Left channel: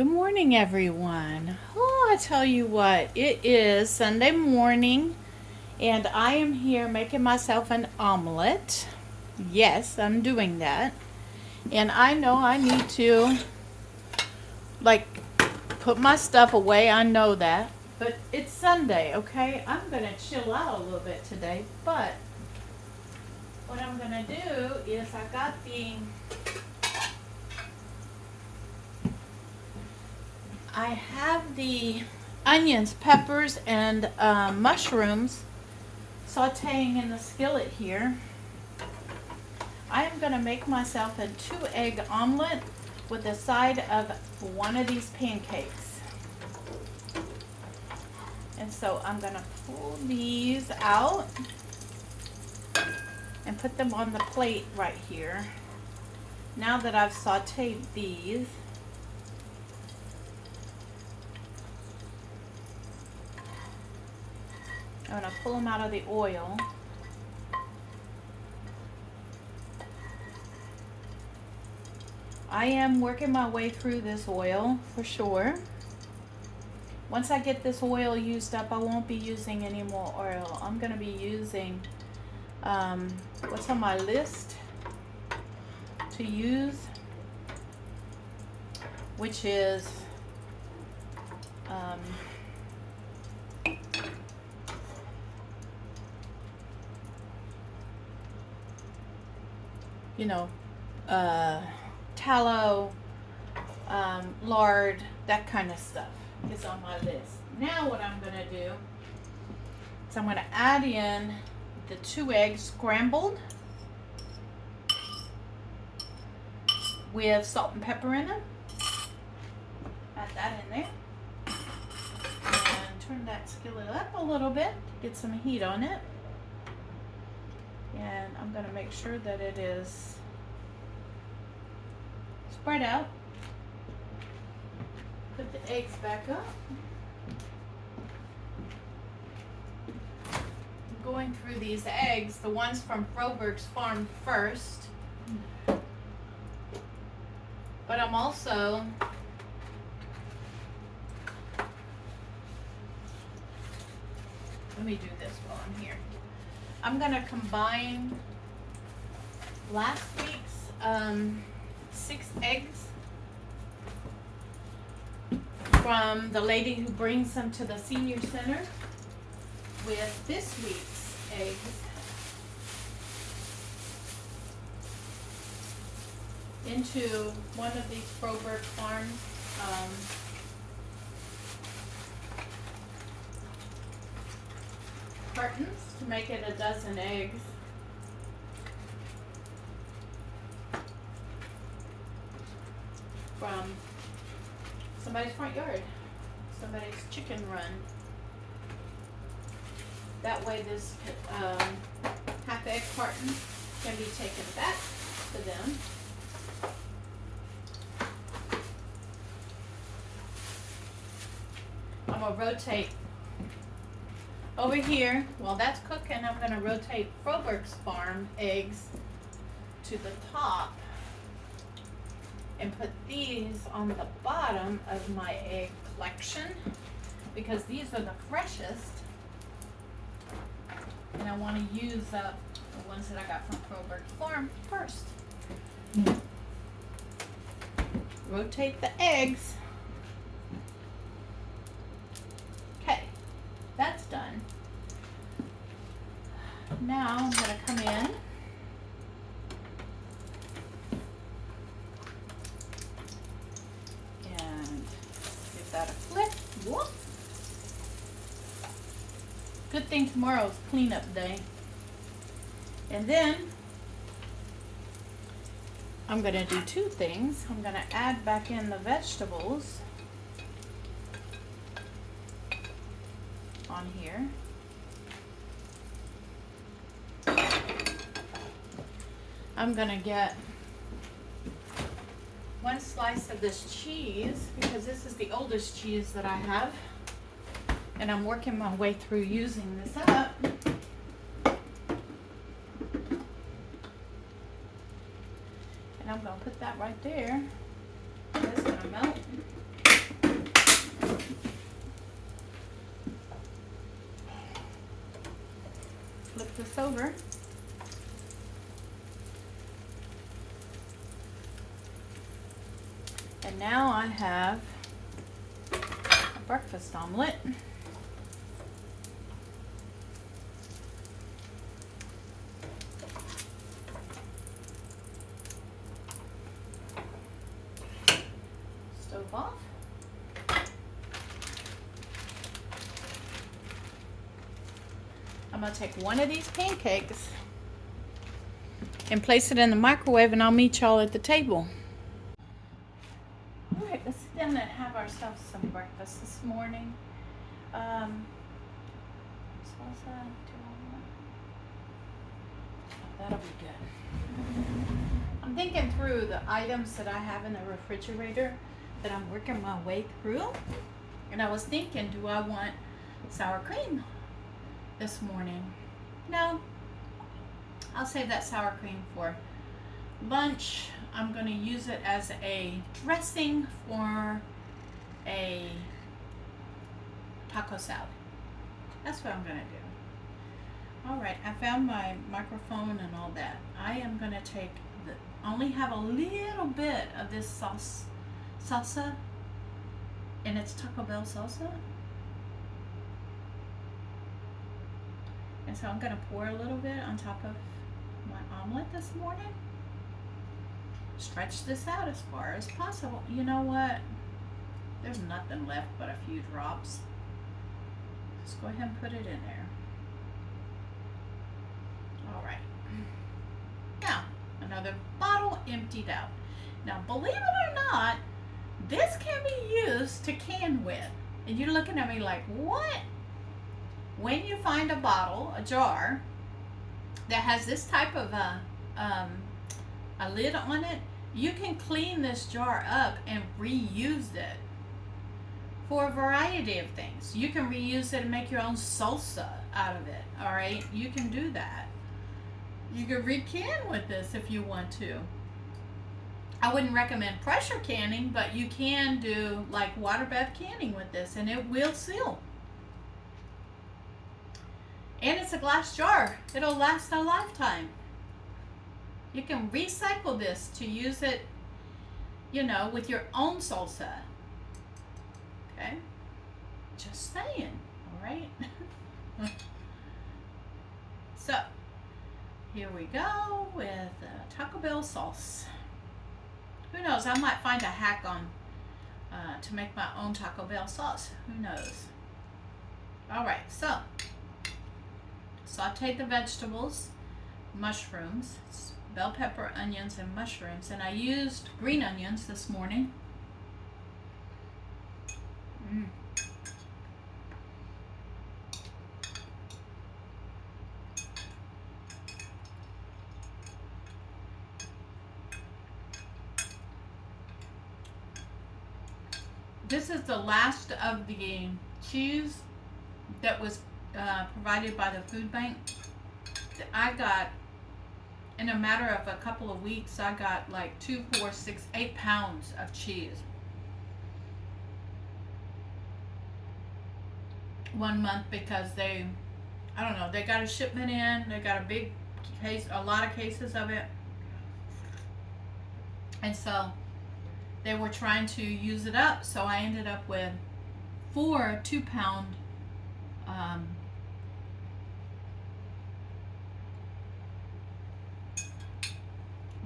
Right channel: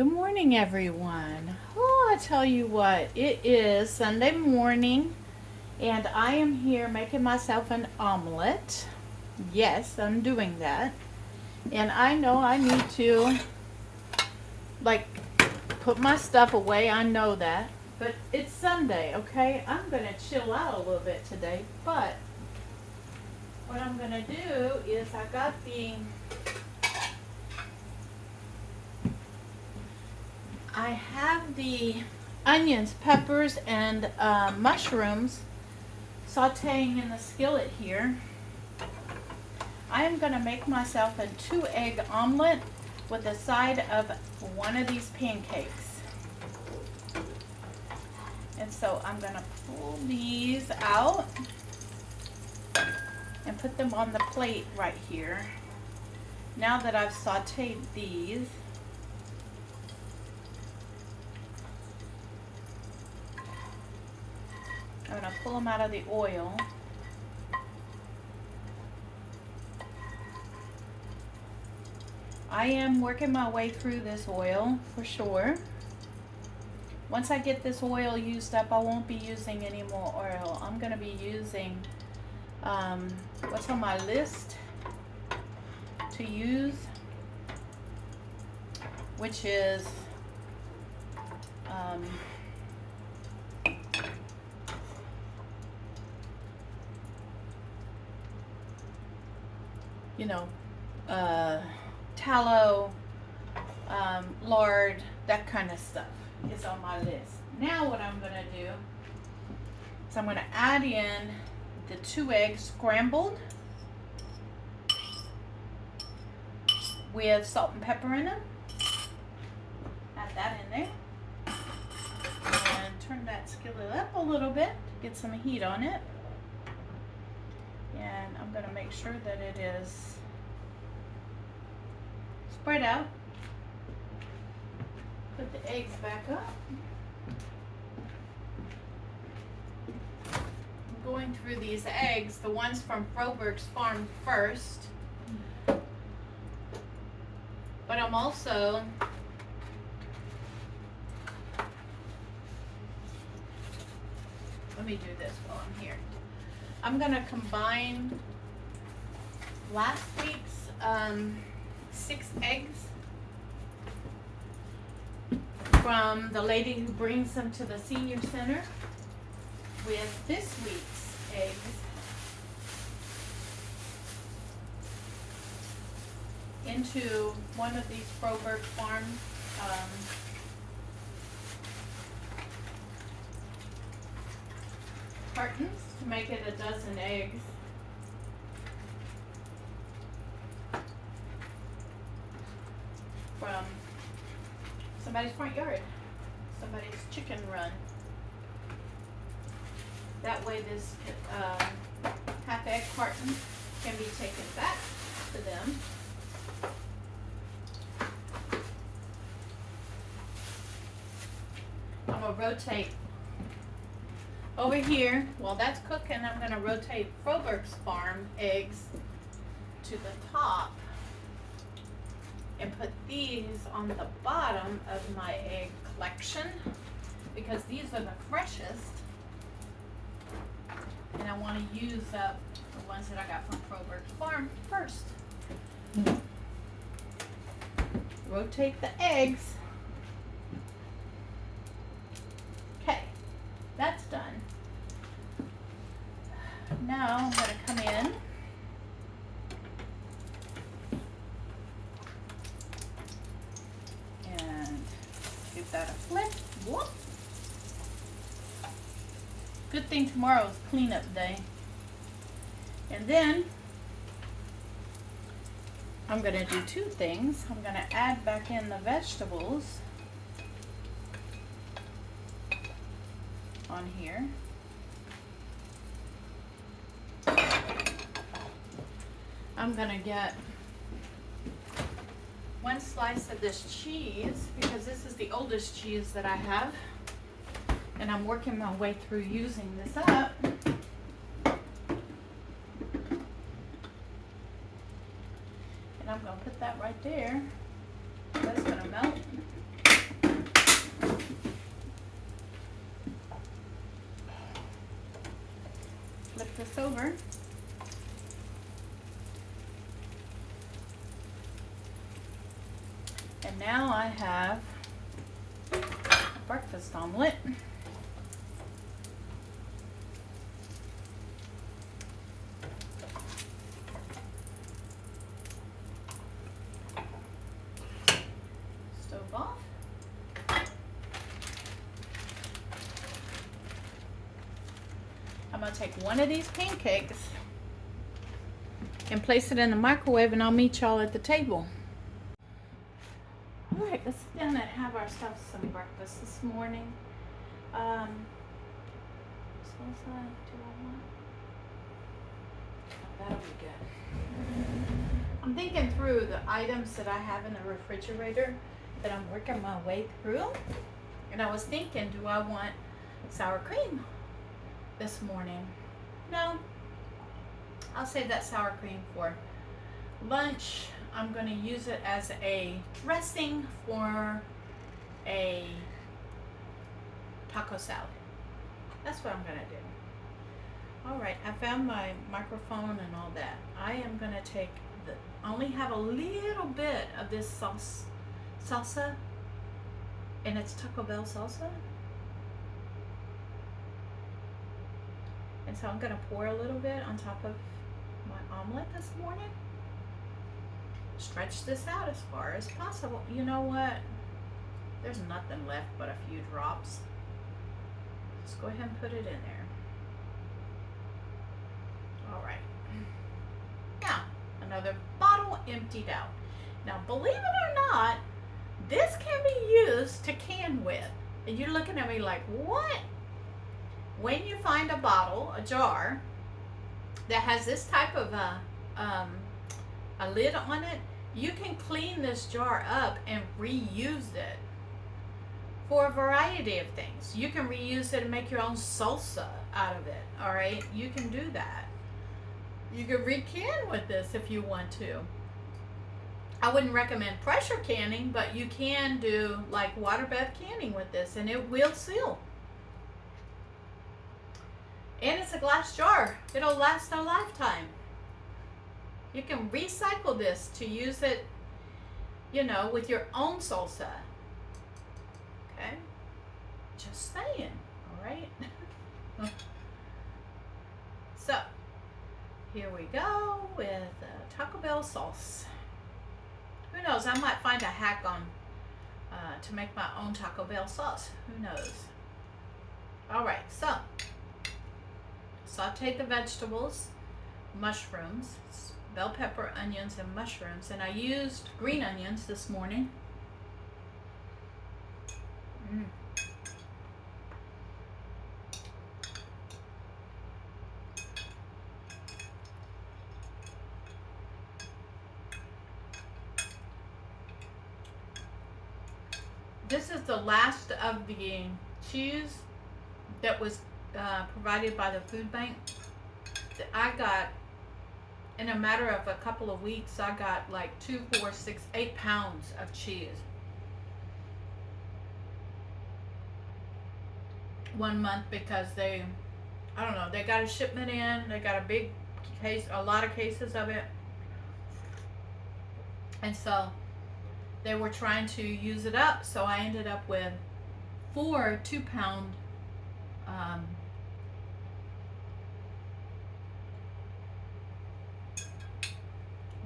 Good morning, everyone. Oh, I tell you what, it is Sunday morning, and I am here making myself an omelet. Yes, I'm doing that. And I know I need to, like, put my stuff away. I know that. But it's Sunday, okay? I'm going to chill out a little bit today. But what I'm going to do is I have the onions, peppers, and mushrooms sauteing in the skillet here. I am going to make myself a 2-egg omelet with a side of one of these pancakes. And so I'm going to pull these out and put them on the plate right here. Now that I've sauteed these, I'm going to pull them out of the oil. I am working my way through this oil for sure. Once I get this oil used up, I won't be using any more oil. I'm going to be using what's on my list to use, which is you know, tallow, lard, that kind of stuff is on my list. Now what I'm going to do is I'm going to add in the 2 eggs scrambled with salt and pepper in them. Add that in there. And turn that skillet up a little bit to get some heat on it. And I'm going to make sure that it is spread out. Put the eggs back up. I'm going through these eggs, the ones from Froberg's farm first. But I'm also let me do this while I'm here. I'm going to combine last week's 6 eggs from the lady who brings them to the senior center with this week's eggs. Into one of these Froberg Farms cartons to make it a dozen eggs. From somebody's front yard, somebody's chicken run. That way this half egg carton can be taken back to them. I'm going to rotate over here. While that's cooking, I'm going to rotate Froberg's farm eggs to the top and put these on the bottom of my egg collection because these are the freshest, and I want to use up the ones that I got from Froberg's farm first. Rotate the eggs. Okay, that's done. Now I'm going to come in and give that a flick. Whoop. Good thing tomorrow's cleanup day. And then I'm going to do 2 things. I'm going to add back in the vegetables on here. I'm going to get 1 slice of this cheese because this is the oldest cheese that I have. And I'm working my way through using this up. And I'm going to put that right there. That's going to melt. And now I have a breakfast omelet. Stove off. I'm going to take one of these pancakes and place it in the microwave, and I'll meet y'all at the table. All right, let's sit down and have ourselves some breakfast this morning. Salsa, do I want? That'll be good. I'm thinking through the items that I have in the refrigerator that I'm working my way through. And I was thinking, do I want sour cream this morning? No, I'll save that sour cream for lunch. I'm going to use it as a dressing for a taco salad. That's what I'm going to do. All right, I found my microphone and all that. I am going to take only have a little bit of this salsa, and it's Taco Bell salsa. And so I'm going to pour a little bit on top of my omelet this morning. Stretch this out as far as possible. You know what? There's nothing left but a few drops. Just go ahead and put it in there. All right. Now, another bottle emptied out. Now, believe it or not, this can be used to can with. And you're looking at me like, what? When you find a bottle, a jar, that has this type of a lid on it, you can clean this jar up and reuse it for a variety of things. You can reuse it and make your own salsa out of it, all right? You can do that. You can re-can with this if you want to. I wouldn't recommend pressure canning, but you can do like water bath canning with this, and it will seal. And it's a glass jar. It'll last a lifetime. You can recycle this to use it, you know, with your own salsa. Okay? Just saying, all right? So, here we go with Taco Bell sauce. Who knows? I might find a hack on to make my own Taco Bell sauce. Who knows? All right, so saute the vegetables, mushrooms, bell pepper, onions, and mushrooms. And I used green onions this morning. This is the last of the cheese that was provided by the food bank. I got, in a matter of a couple of weeks, I got like 2, 4, 6, 8 pounds of cheese. 1 month, because they, I don't know, they got a shipment in, they got a big case, a lot of cases of it. And so they were trying to use it up, so I ended up with 4 2-pound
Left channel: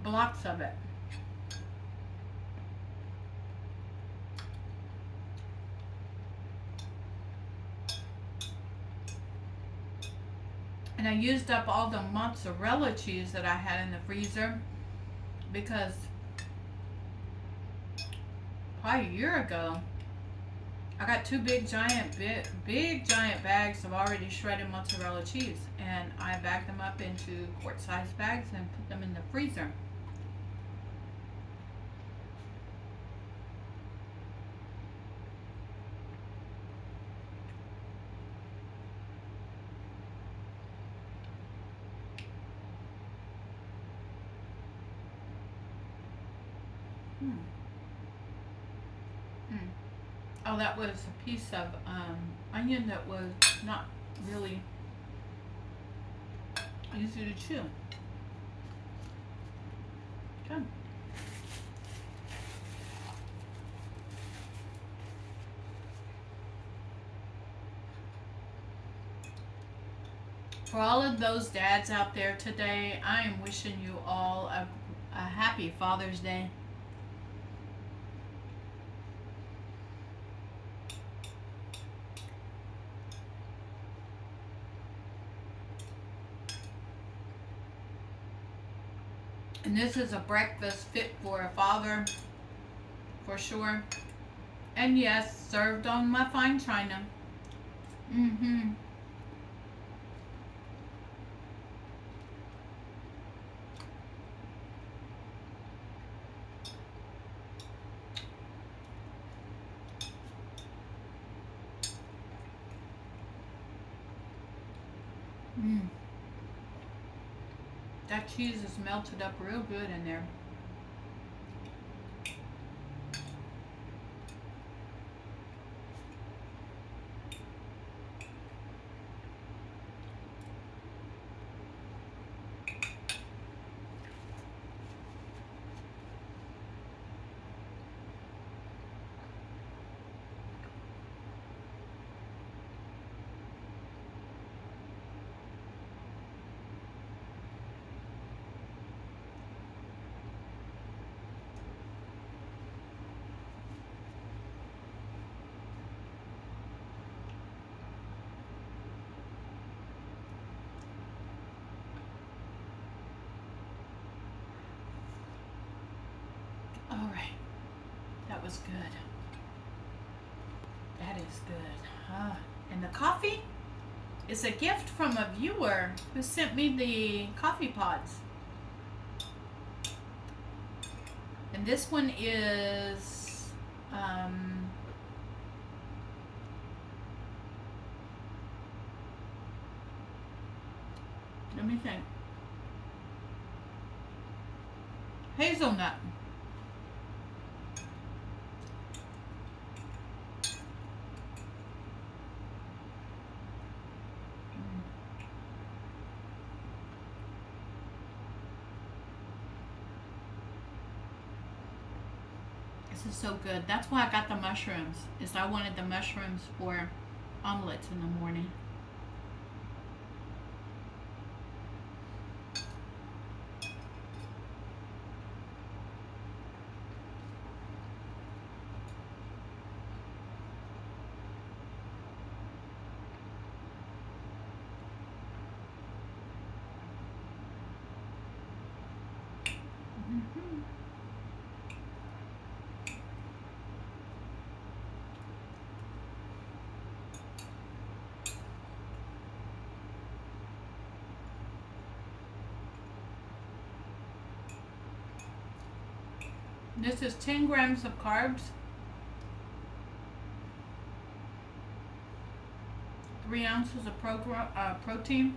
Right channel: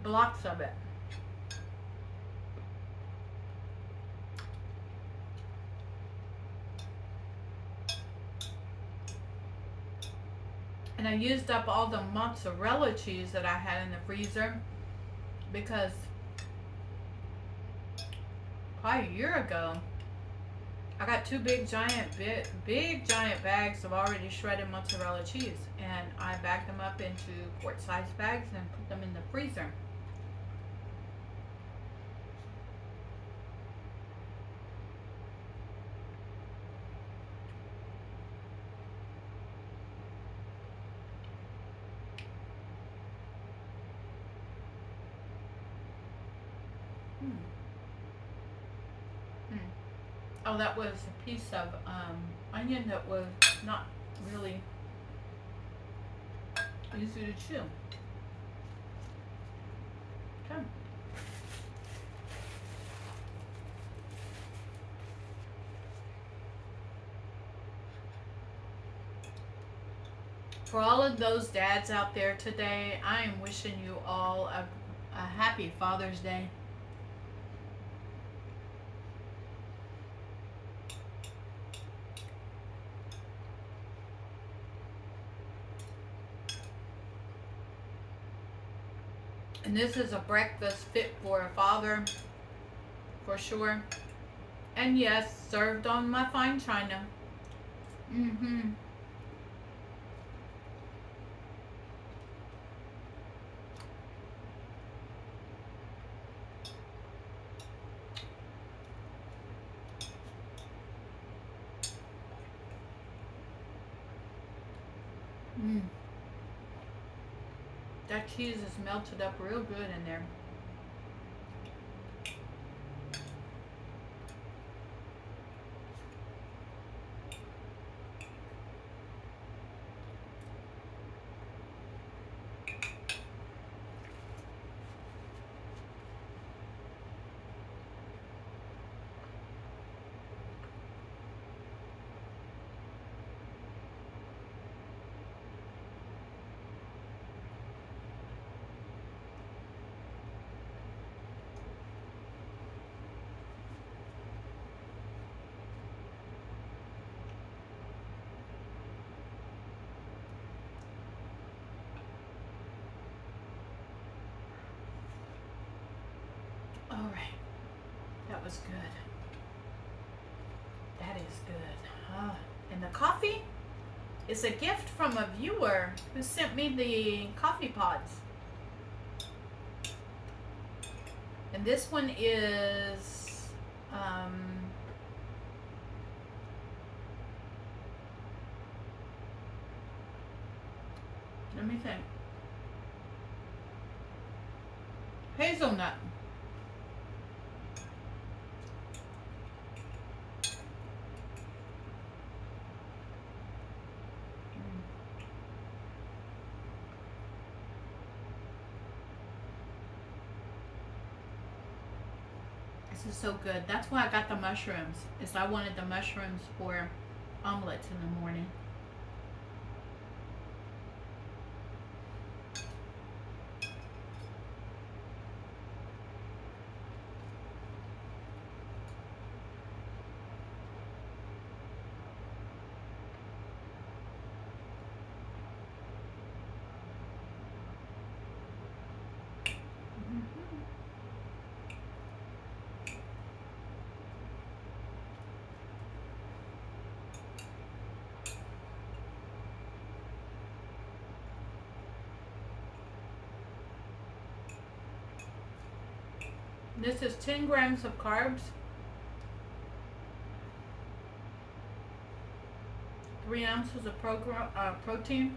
blocks of it. And I used up all the mozzarella cheese that I had in the freezer, because probably a year ago I got 2 big giant bags of already shredded mozzarella cheese, and I bagged them up into quart-sized bags and put them in the freezer. Oh, that was a piece of onion that was not really easy to chew. Okay. For all of those dads out there today, I am wishing you all a happy Father's Day. And this is a breakfast fit for a father, for sure. And yes, served on my fine china. Mm-hmm. Mm. That cheese is melted up real good in there. All right, that was good. That is good. And the coffee is a gift from a viewer who sent me the coffee pods. And this one is let me think. Hazelnut. This is so good. That's why I got the mushrooms. Is I wanted the mushrooms for omelets in the morning. This is 10 grams of carbs, 3 ounces of protein,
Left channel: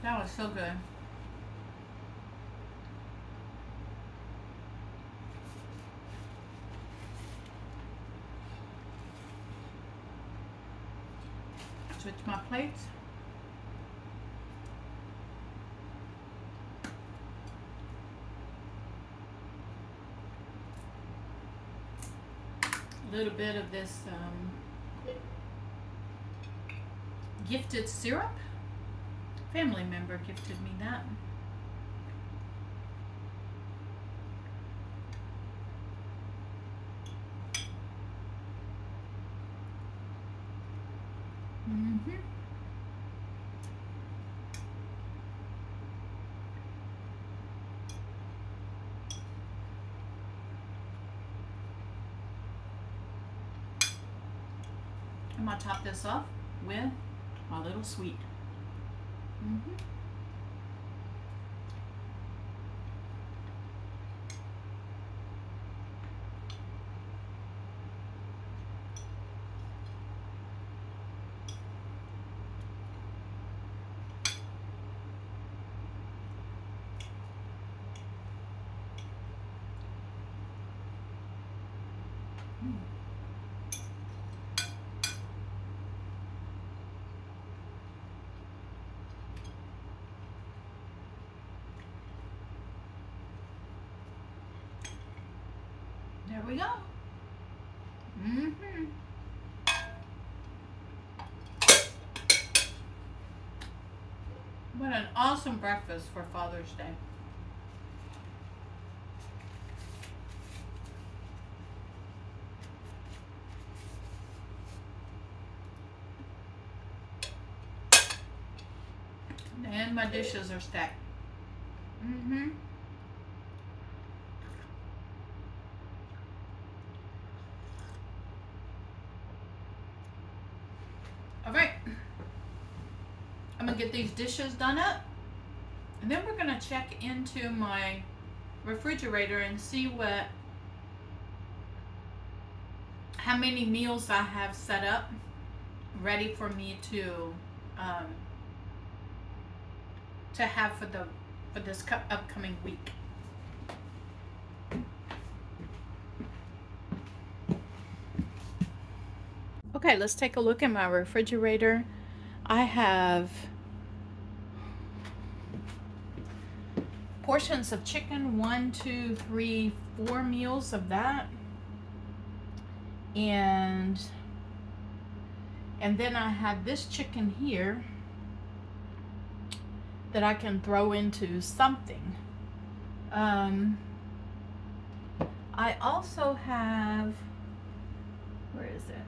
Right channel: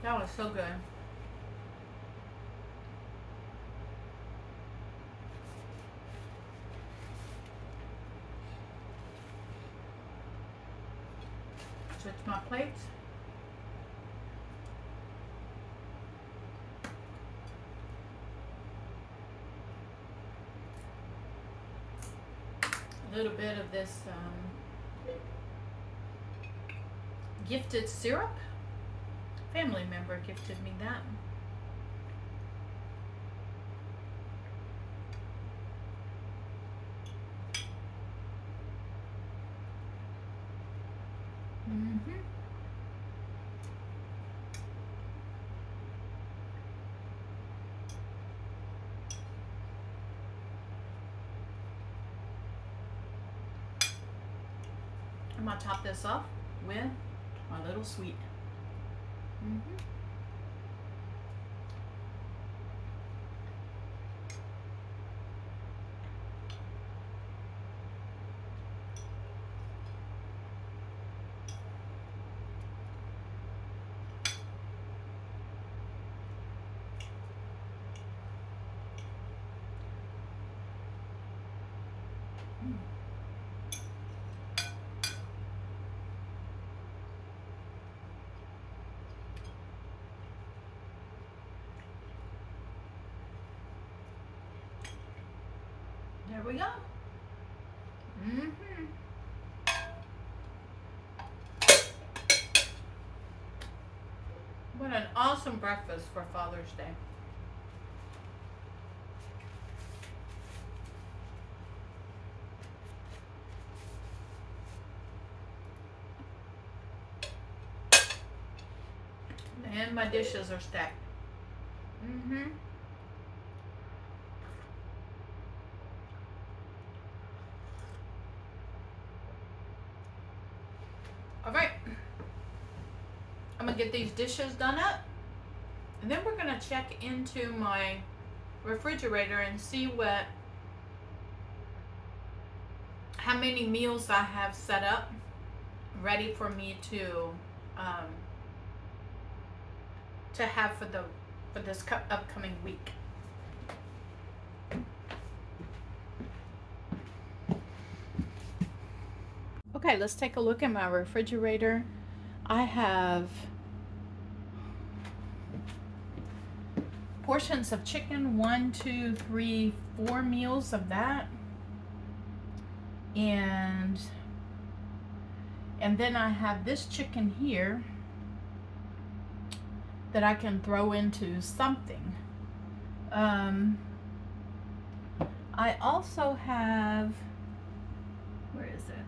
That was so good. Switch my plates. A little bit of this gifted syrup. Family member gifted me that. I'm gonna top this off with my little sweet. There we go. Mm-hmm. What an awesome breakfast for Father's Day. And my dishes are stacked. Mm-hmm. All right. I'm gonna get these dishes done up, and then we're gonna check into my refrigerator and see how many meals I have set up ready for me to have for this upcoming week. Okay, let's take a look at my refrigerator. I have portions of chicken, 1, 2, 3, 4 meals of that, and then I have this chicken here that I can throw into something. I also have, where is it?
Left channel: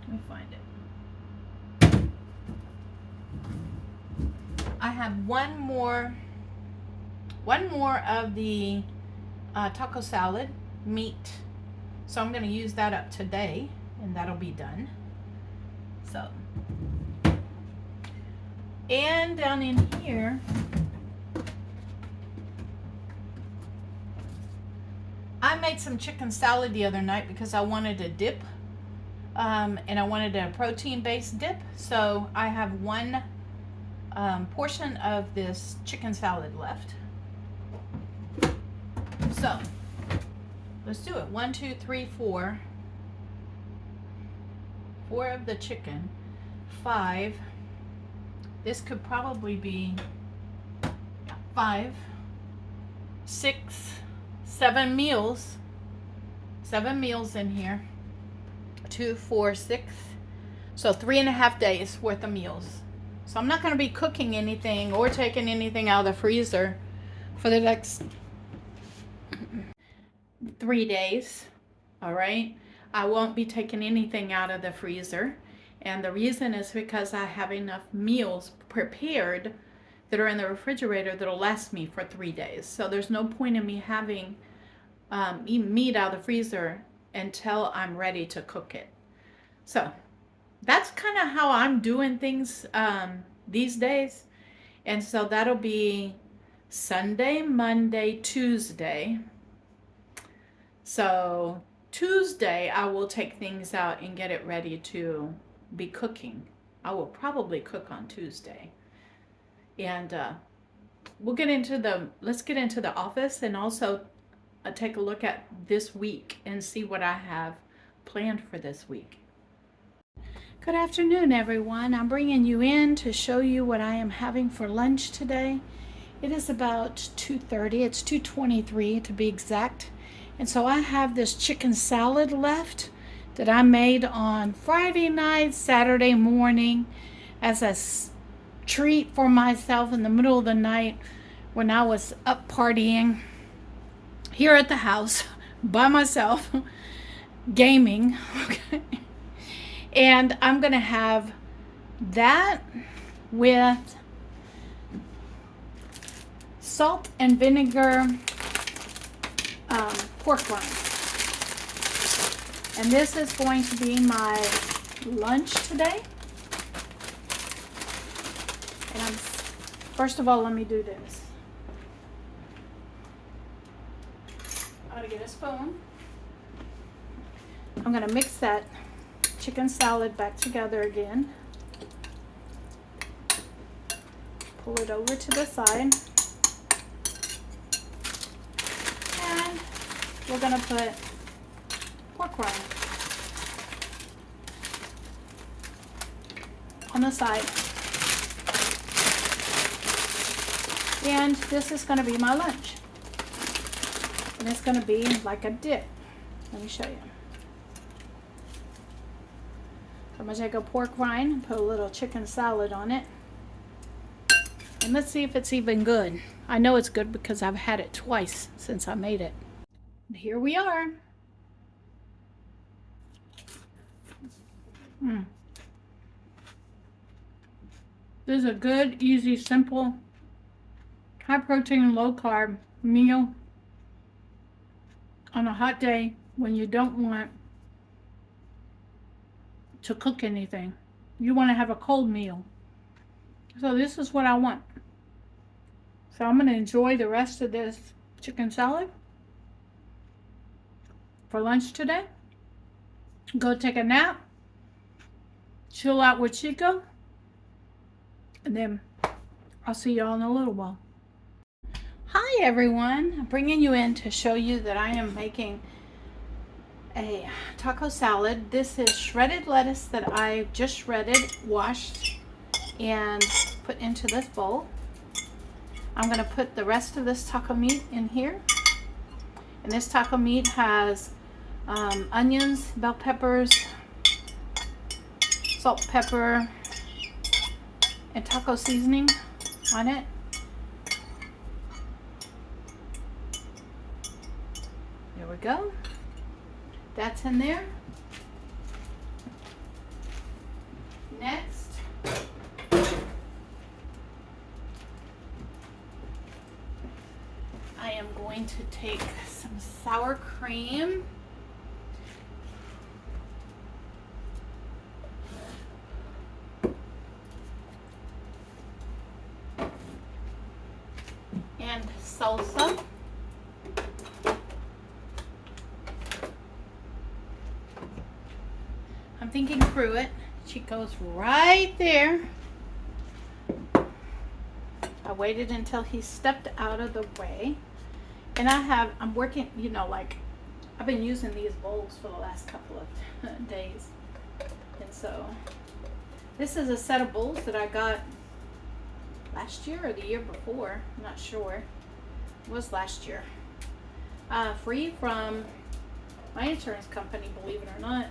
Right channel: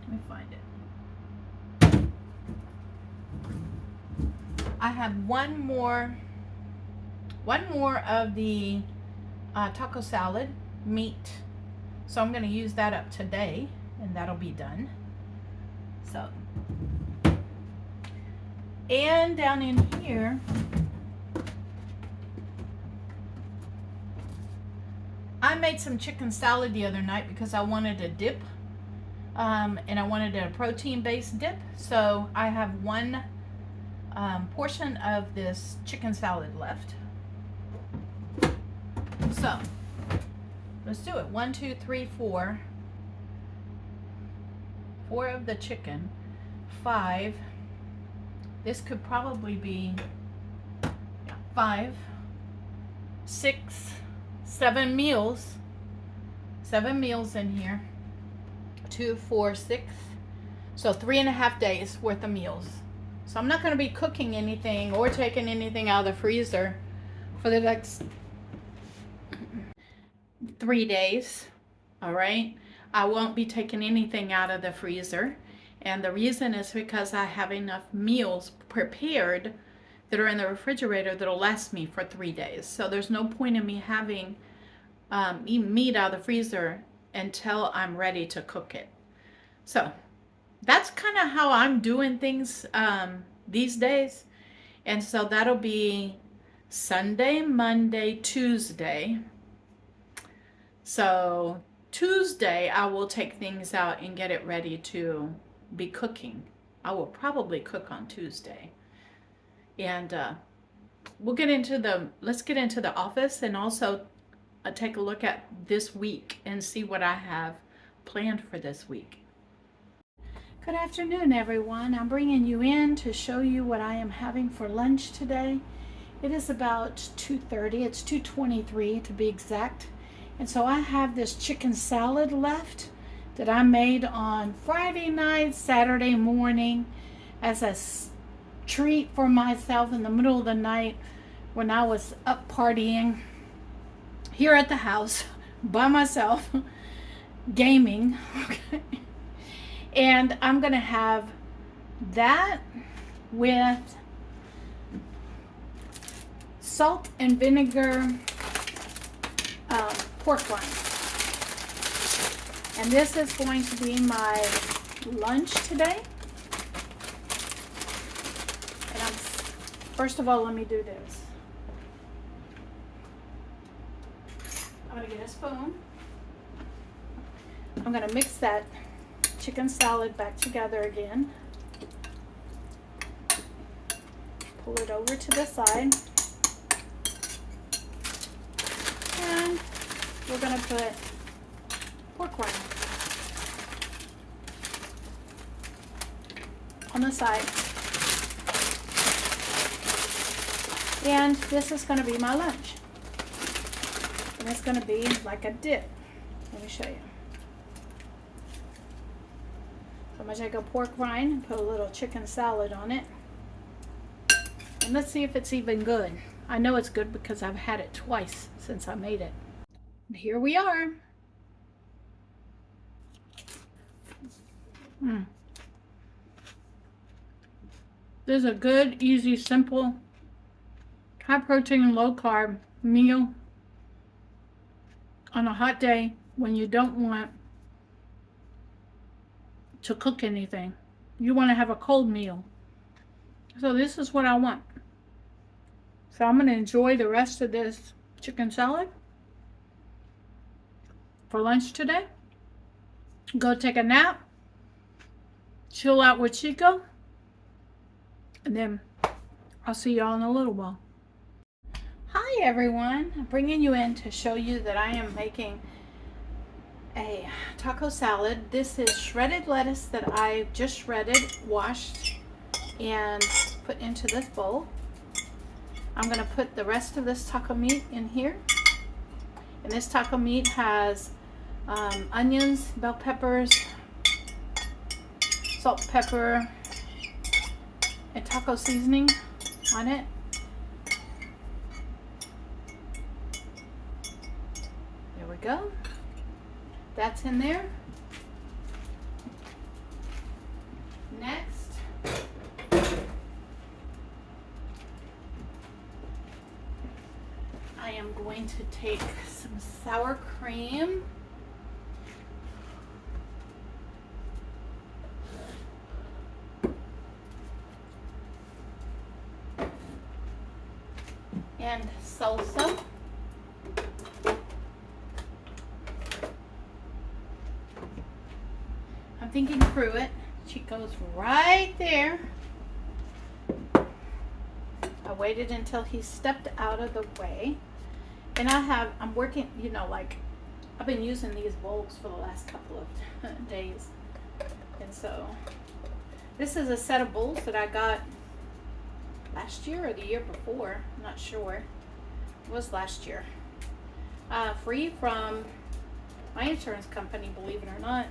Let me find it. I have one more of the taco salad meat, so I'm going to use that up today, and that'll be done. So, and down in here, I made some chicken salad the other night because I wanted a dip, and I wanted a protein-based dip. So I have one portion of this chicken salad left. So let's do it. 1, 2, 3, 4. 4 of the chicken. 5. This could probably be 5, 6, 7 meals. 7 meals in here. 2, 4, 6. So 3.5 days worth of meals. So I'm not going to be cooking anything or taking anything out of the freezer for the next 3 days. All right. I won't be taking anything out of the freezer. And the reason is because I have enough meals prepared that are in the refrigerator that'll last me for 3 days. So there's no point in me having meat out of the freezer until I'm ready to cook it. So that's kind of how I'm doing things these days. And so that'll be Sunday, Monday, Tuesday. So Tuesday I will take things out and get it ready to be cooking. I will probably cook on Tuesday. And let's get into the office and also take a look at this week and see what I have planned for this week. Good afternoon, everyone. I'm bringing you in to show you what I am having for lunch today. It is about 2:30. It's 2:23 to be exact. And so I have this chicken salad left that I made on Friday night, Saturday morning as a treat for myself in the middle of the night when I was up partying here at the house by myself, gaming. Okay. And I'm going to have that with salt and vinegar pork rinds. And this is going to be my lunch today. And first of all, let me do this. I'm going to get a spoon. I'm going to mix that chicken salad back together again. Pull it over to the side. And we're going to put pork rind on the side. And this is going to be my lunch. And it's going to be like a dip. Let me show you. So I'm going to take a pork rind and put a little chicken salad on it. And let's see if it's even good. I know it's good because I've had it twice since I made it. And here we are. This is a good, easy, simple, high protein, low carb meal on a hot day when you don't want to cook anything. You want to have a cold meal. So this is what I want. So I'm going to enjoy the rest of this chicken salad for lunch today. Go take a nap. Chill out with Chico. And then I'll see y'all in a little while. Hi everyone. I'm bringing you in to show you that I am making a taco salad. This is shredded lettuce that I just shredded, washed, and put into this bowl. I'm going to put the rest of this taco meat in here. And this taco meat has onions, bell peppers, salt, pepper, and taco seasoning on it. There we go. That's in there. Next, I am going to take some sour cream. And salsa. I'm thinking Pruitt. Chico's right there. I waited until he stepped out of the way. And I'm working, you know, like, I've been using these bowls for the last couple of days. And so, this is a set of bowls that I got last year or the year before. I'm not sure. It was last year. Free from my insurance company, believe it or not.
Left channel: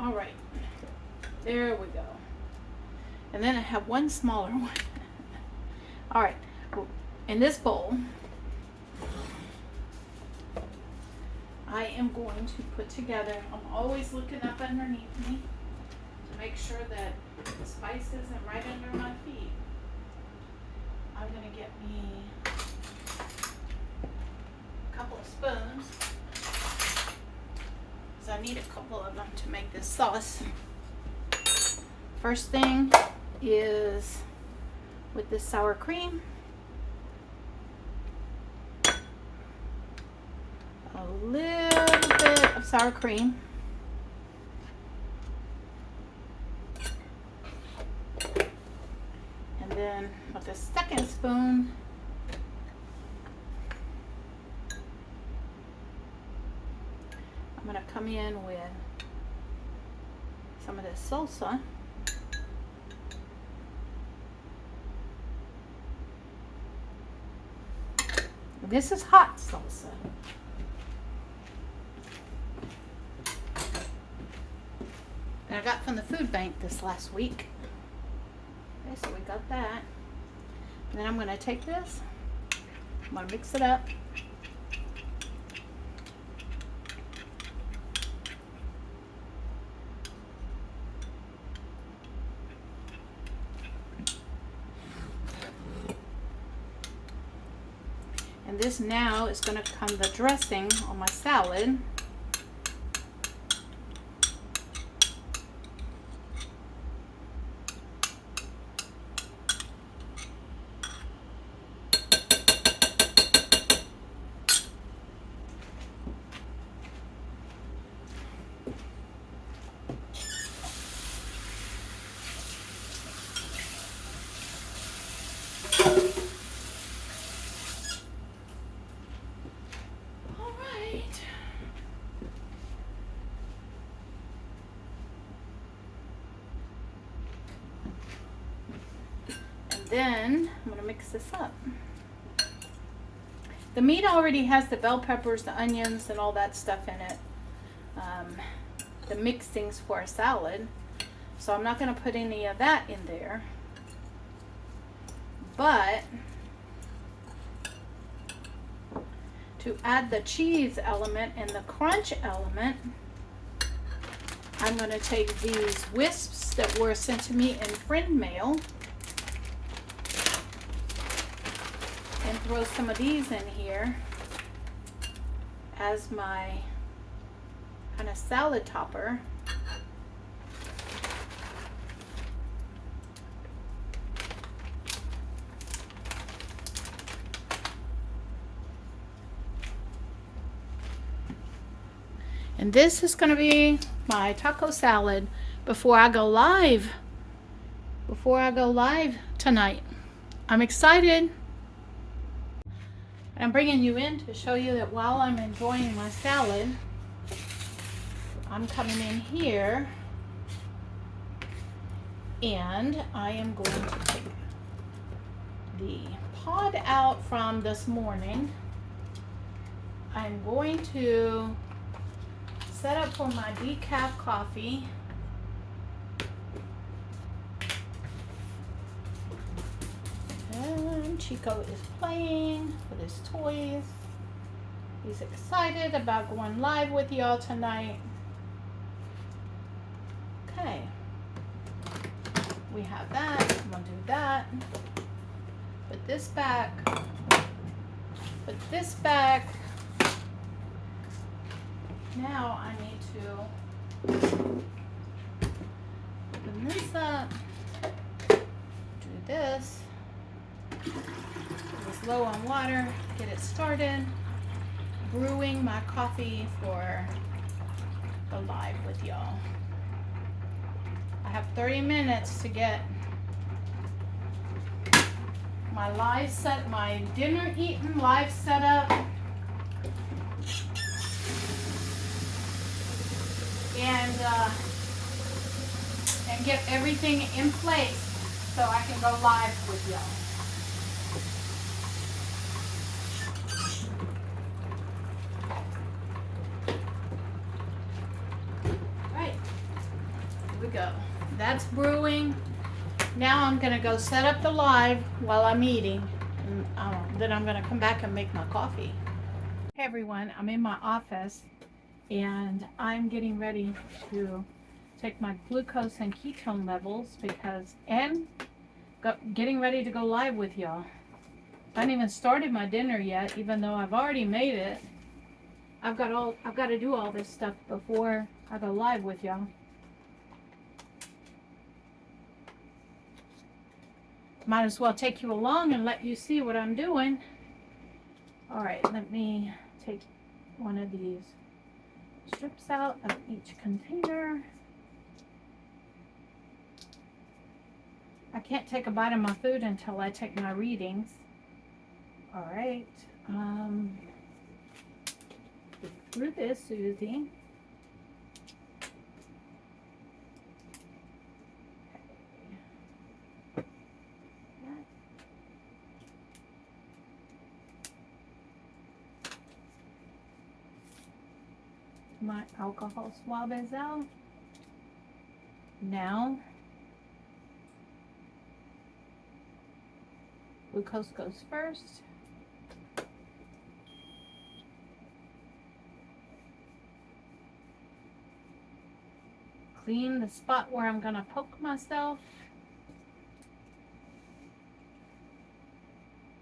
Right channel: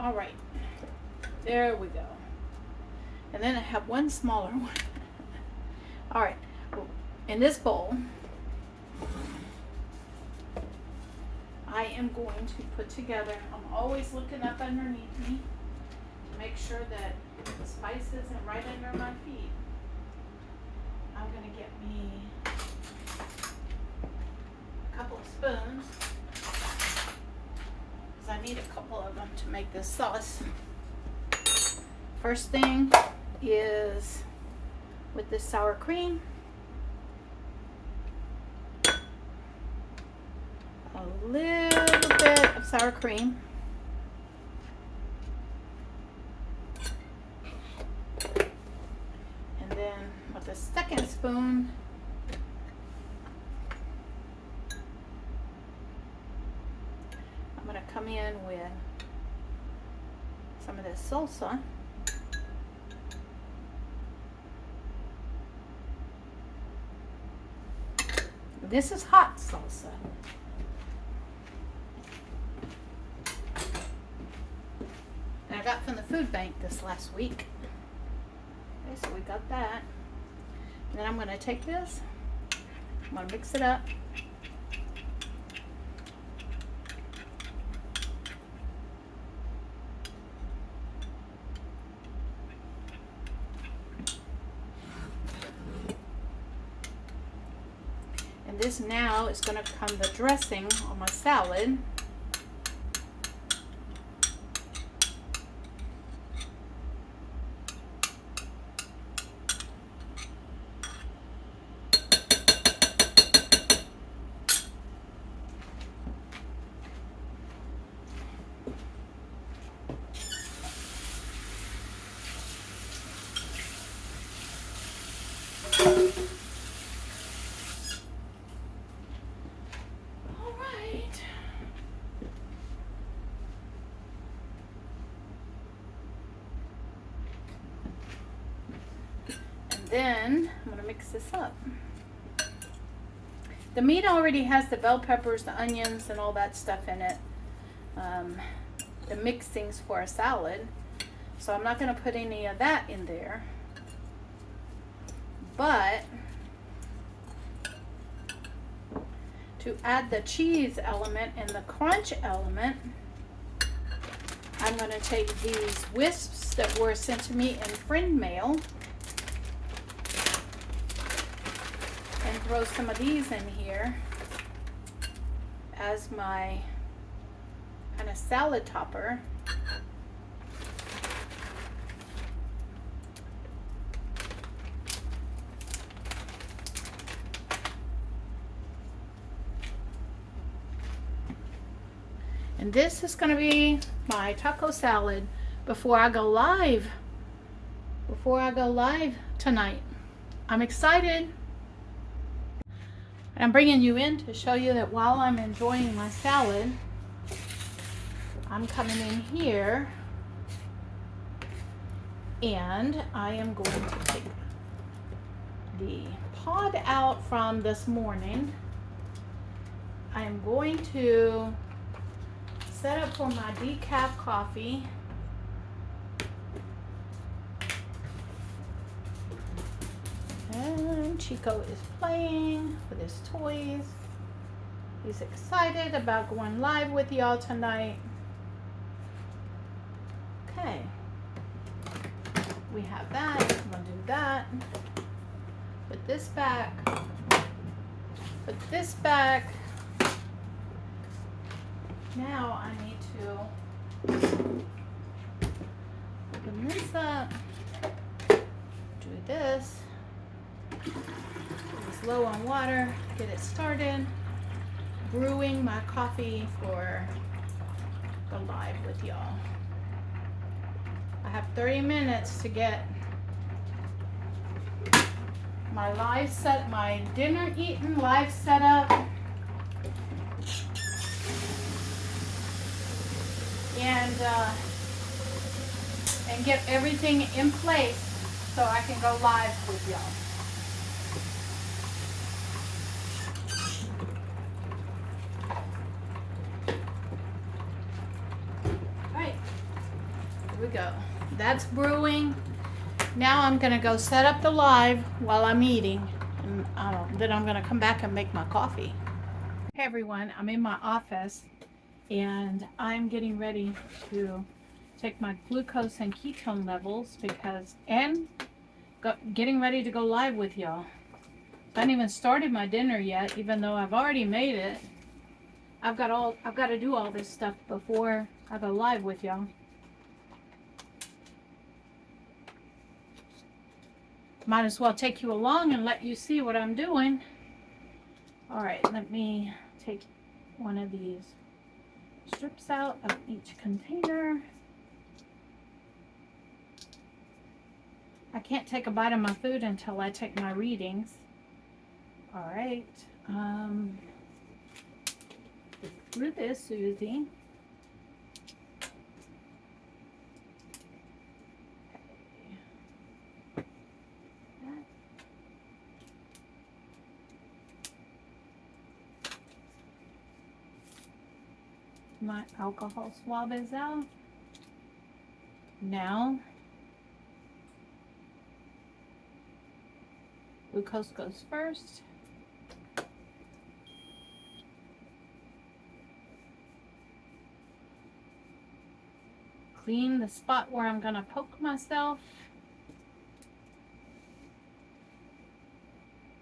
All right. There we go. And then I have one smaller one. All right. In this bowl, I am going to put together, I'm always looking up underneath me to make sure that the spice isn't right under my feet. I'm going to get me a couple of spoons, because I need a couple of them to make this sauce. First thing is with this sour cream, a little bit of sour cream. And then with the second spoon, I'm going to come in with some of this salsa. This is hot salsa. And I got from the food bank this last week. Okay, so we got that. And then I'm going to take this, I'm going to mix it up. And this now is going to become the dressing on my salad. Then I'm going to mix this up. The meat already has the bell peppers, the onions, and all that stuff in it. The mixings for a salad. So I'm not going to put any of that in there. But to add the cheese element and the crunch element, I'm going to take these wisps that were sent to me in friend mail and throw some of these in here as my kind of salad topper. And this is going to be my taco salad before I go live. Before I go live tonight. I'm excited. I'm bringing you in to show you that while I'm enjoying my salad, I'm coming in here and I am going to take the pod out from this morning. I'm going to set up for my decaf coffee. And Chico is playing with his toys. He's excited about going live with y'all tonight. Okay. We have that. I'm gonna do that. Put this back. Put this back. Now I need to open this up. Do this. Put this low on water. Get it started. Brewing my coffee for the live with y'all. I have 30 minutes to get my live set, my dinner eaten live set up. And get everything in place so I can go live with y'all. Right, here we go. That's brewing. Now I'm gonna go set up the live while I'm eating. And, then I'm gonna come back and make my coffee. Hey everyone, I'm in my office and I'm getting ready to take my glucose and ketone levels getting ready to go live with y'all. I haven't even started my dinner yet, even though I've already made it. I've got to do all this stuff before I go live with y'all. Might as well take you along and let you see what I'm doing. All right, let me take one of these strips out of each container. I can't take a bite of my food until I take my readings. All right. Through this, Susie. My alcohol swab is out. Now, glucose goes first. Clean the spot where I'm gonna poke myself.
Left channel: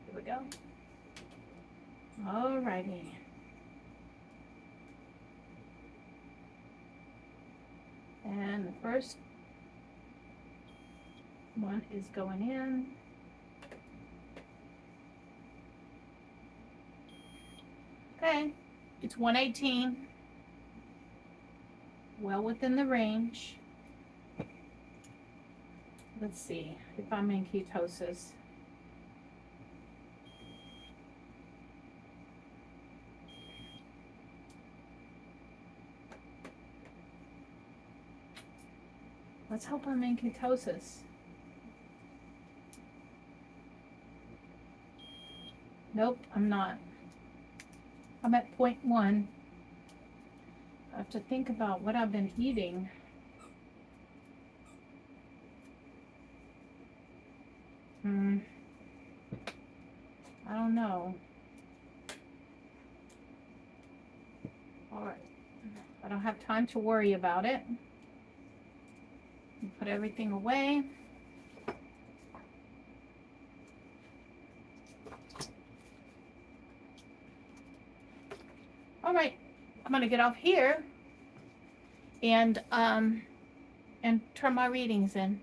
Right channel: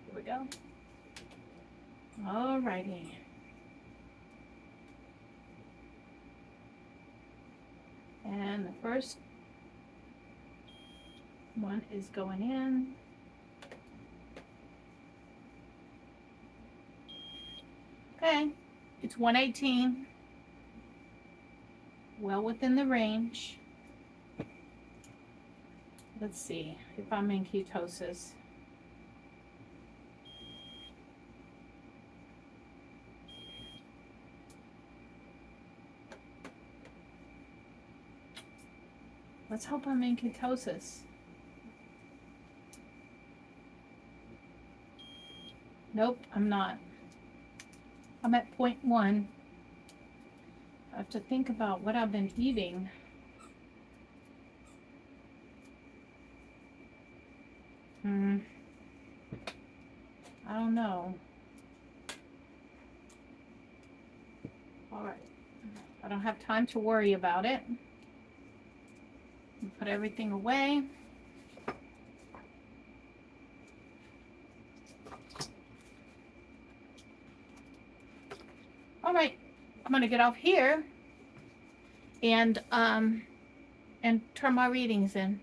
Here we go. Alrighty. And the first one is going in. Okay, it's 118. Well within the range. Let's see if I'm in ketosis. Let's hope I'm in ketosis. Nope, I'm not. I'm at point 1. I have to think about what I've been eating. I don't know. All right. I don't have time to worry about it. Put everything away. All right. I'm gonna get off here and turn my readings in.